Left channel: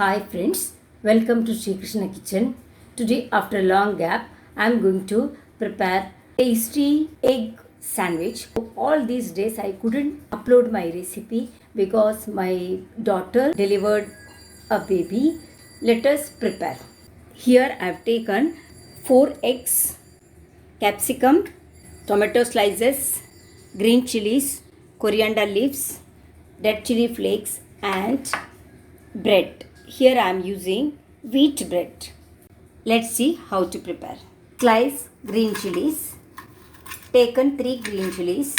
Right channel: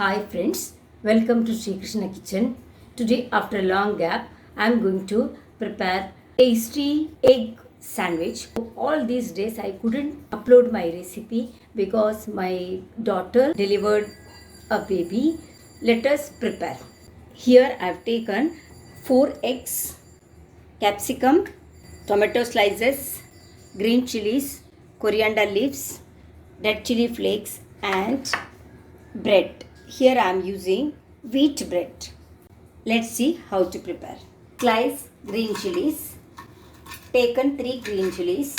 Hi friends, welcome to Sri Krishna Kitchen. Today after a long gap, I am going to prepare tasty egg sandwich. All these days I couldn't upload my recipe because my daughter delivered a baby. Let us prepare. Here I have taken 4 eggs, capsicum, tomato slices, green chilies, coriander leaves, red chili flakes and bread. Here I am using wheat bread. Let's see how to prepare. Slice green chilies. Taken 3 green chilies.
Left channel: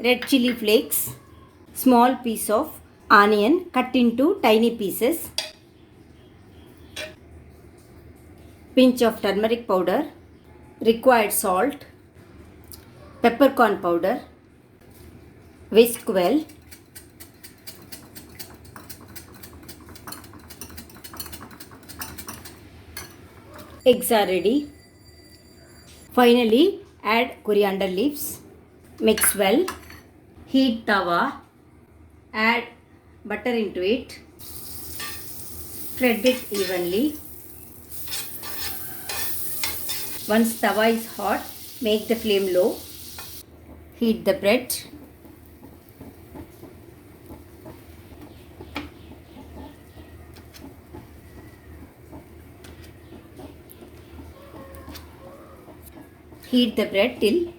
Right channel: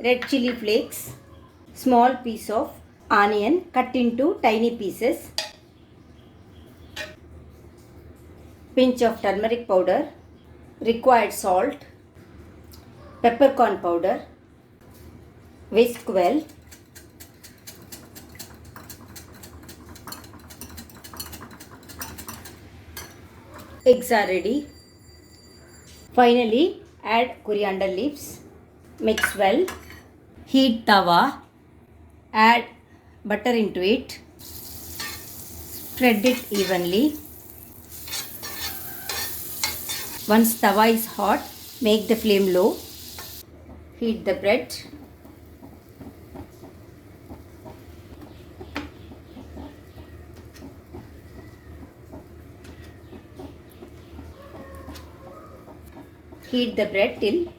Red chili flakes. Small piece of onion cut into tiny pieces. Pinch of turmeric powder. Required salt. Peppercorn powder. Whisk well. Eggs are ready. Finally, add coriander leaves. Mix well. Heat tawa. Add butter into it. Spread it evenly. Once tawa is hot, make the flame low. Heat the bread. Heat the bread till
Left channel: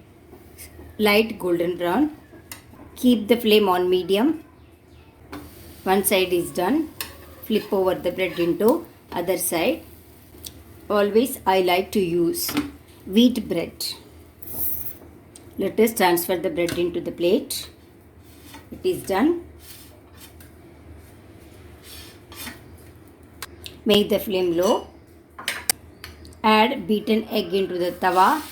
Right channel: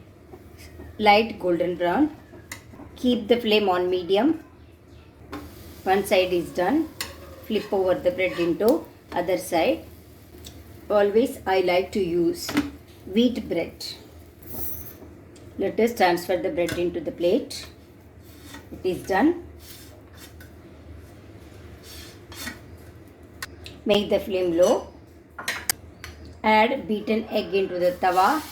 light golden brown. Keep the flame on medium. One side is done. Flip over the bread into other side. Always I like to use wheat bread. Let us transfer the bread into the plate. It is done. Make the flame low. Add beaten egg into the tawa.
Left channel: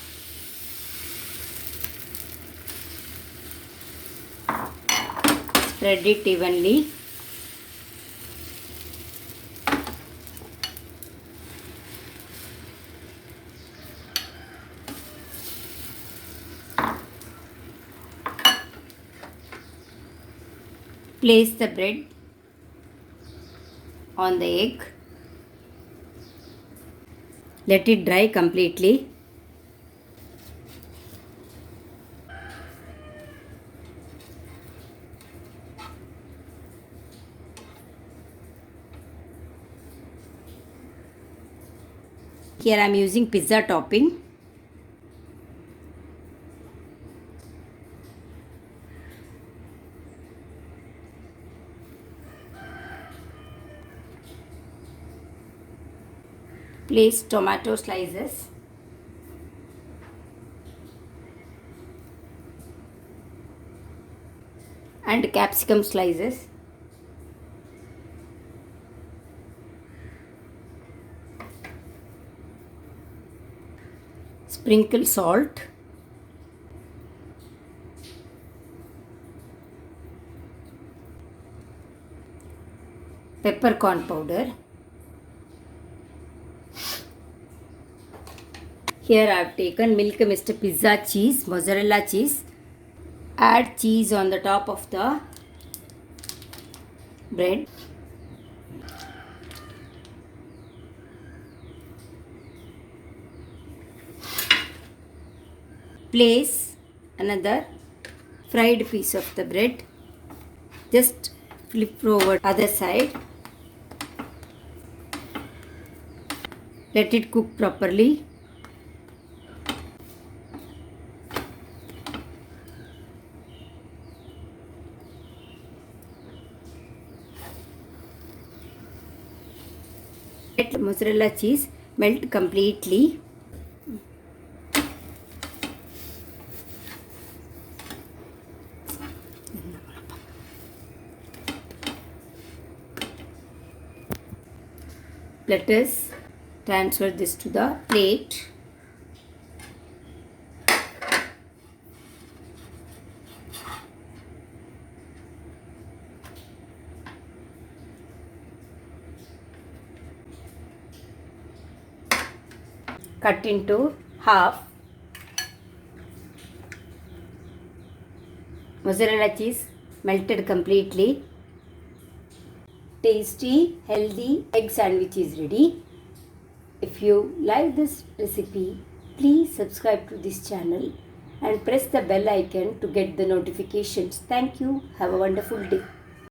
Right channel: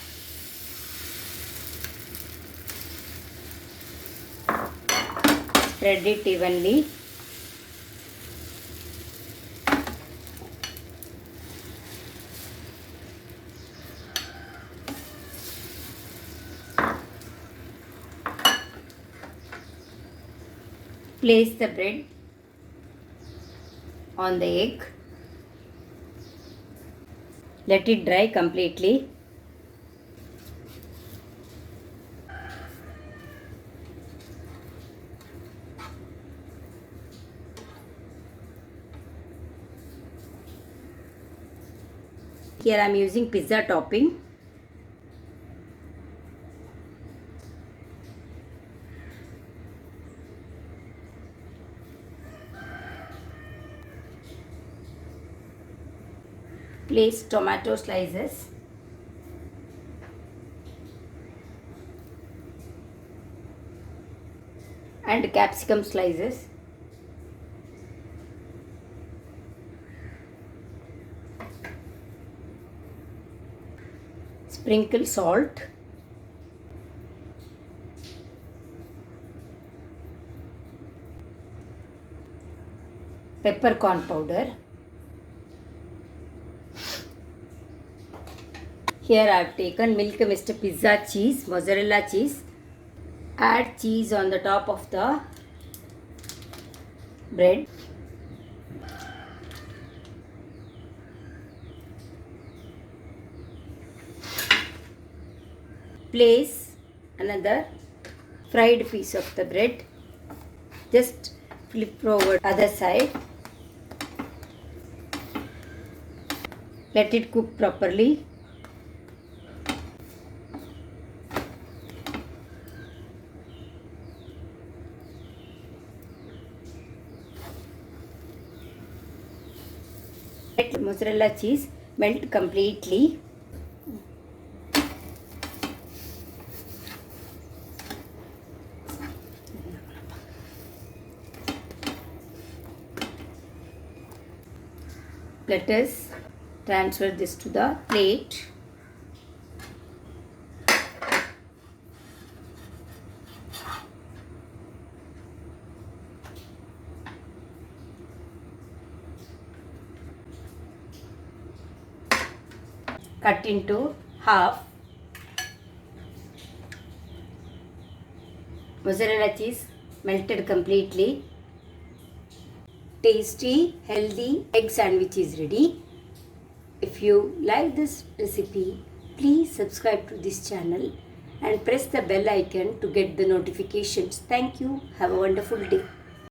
Spread it evenly. Place the bread on the egg. Let it dry completely. Here I am using pizza topping. Place tomato slices. And capsicum slices. Sprinkle salt. Peppercorn powder. Here I have taken milk mist pizza cheese, mozzarella cheese. Add cheese on the top of the bread. Place another fried piece of the bread. Just flip over other side. Let it cook properly. Let mozzarella cheese melt completely. Let us transfer this to the plate. Cut into half. Mozzarella cheese melted completely. Tasty, healthy egg sandwich is ready. If you like this recipe, please subscribe to this channel and press the bell icon to get the notifications. Thank you. Have a wonderful day.